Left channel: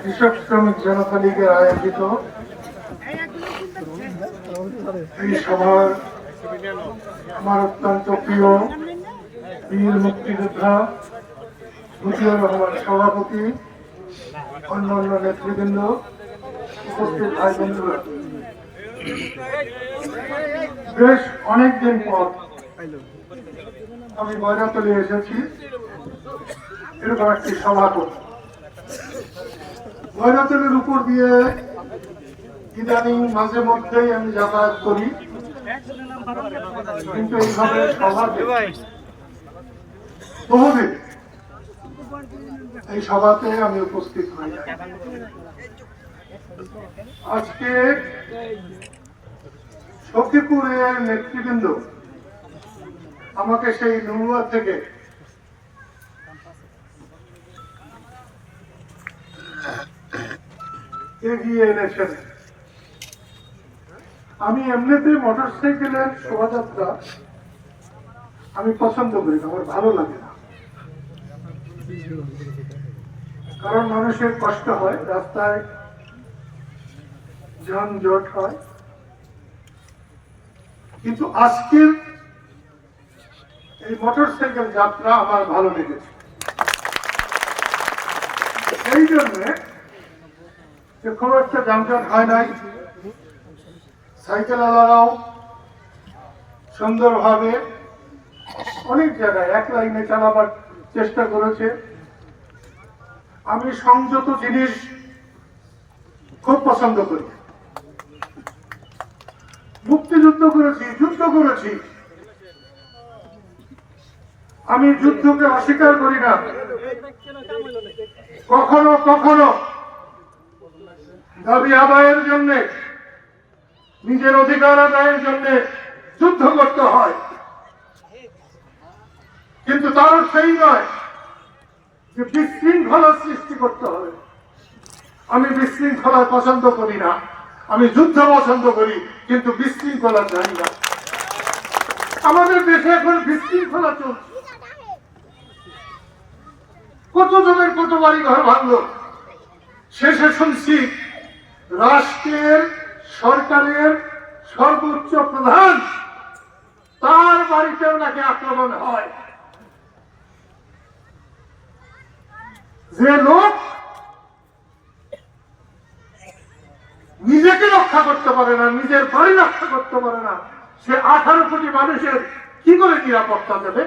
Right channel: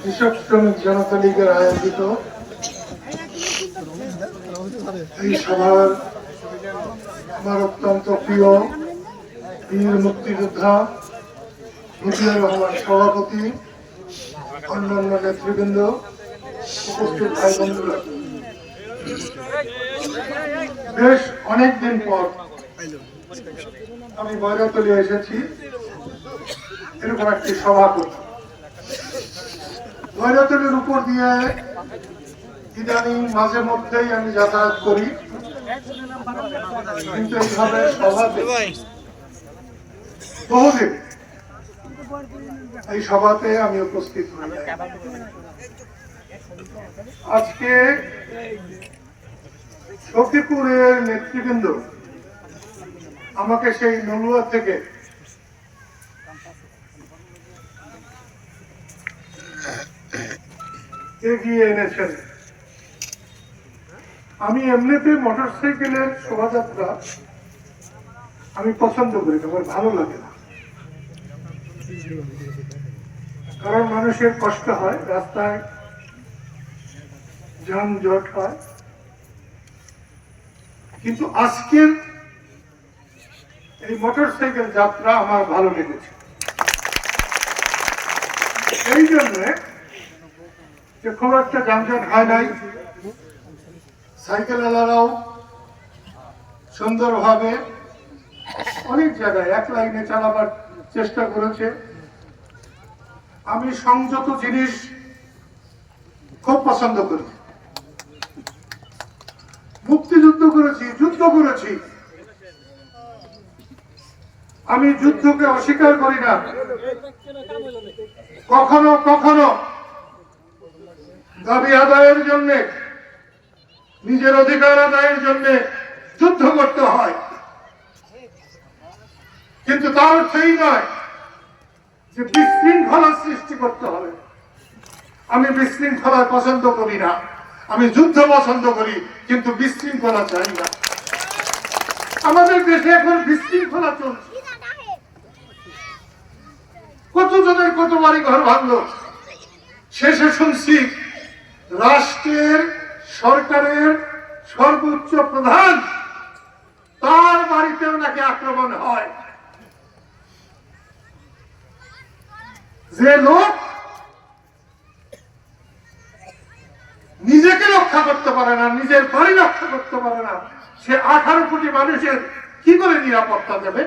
কৃষক শ্রমিক জনতা লীগের আয়োজিত এই সভার আমার অত্যন্ত প্রিয় বীর মুক্তিযোদ্ধা মতিউর রহমান সভাপতি, অন্যান্য নেতৃবৃন্দ, উপস্থিত ভাই বন্ধুরা। বেশ অনেকদিন পর আমি বৈরাতলি এসেছি। এরকম একটি সভা করতে ভৈরতলির উপর দিয়ে ইদানিং মাঝে মধ্যেই আমি যাতায়াত করি। কিন্তু এইভাবে সভা বহুদিন এই সভাতে আমি উপস্থিত হই আজকে সখীপুরের নেতৃবৃন্দ আমাকে সেই নড়ুয়া থেকে এগিয়ে এনেছেন। আমি এমনিতে মোটর সাইকেলের শোভাযাত্রা আমি পছন্দ করি না, আমার ভালো লাগে না। কারণ মানুষের কষ্ট হয় রাস্তায় যানজট হয়। কিন্তু আজকের এই মোটর সাইকেল যাত্রা আমার ভালো লেগেছে। এই জন্যে যে খুব একটা যানজট হয় নাই সাইকেল আলারাও সুন্দরভাবে অনেক জায়গায় এক লাইনে চালাবার চেষ্টা করেছে। আমি সংযত জিনিস খুব পছন্দ করি। মুক্তিযুদ্ধ করেছি, যুদ্ধ করেছি। আমি যুদ্ধকে অস্বীকার করি না। কখনো কখনো দাবি আদায়ের জন্য, নিজের অধিকার আদায়ের জন্য যুদ্ধ করতে হয়। কিন্তু তার সেই নয় যে বিশৃঙ্খলা সৃষ্টি করতে হবে। আমি বিশৃঙ্খলা পছন্দ করি না। আমি যুদ্ধ পছন্দ করি, কিন্তু বিশৃঙ্খলা চাই না। আমাদের দেশে এখন বিশৃঙ্খলা চলছে। কত জনের কত বাড়ি ঘর ভাঙলো? শেষে শুনছি রাষ্ট্রের, সরকারের সর্বোচ্চ প্রধান, তার বাড়িতেও নাকি আক্রমণ হয়। যে লোক রক্ষা করতে পারে না, নিজের বাড়ি রক্ষা করতে পারে না। সে আঠারো কোটি মানুষের কি করে নিরাপত্তা দেবে?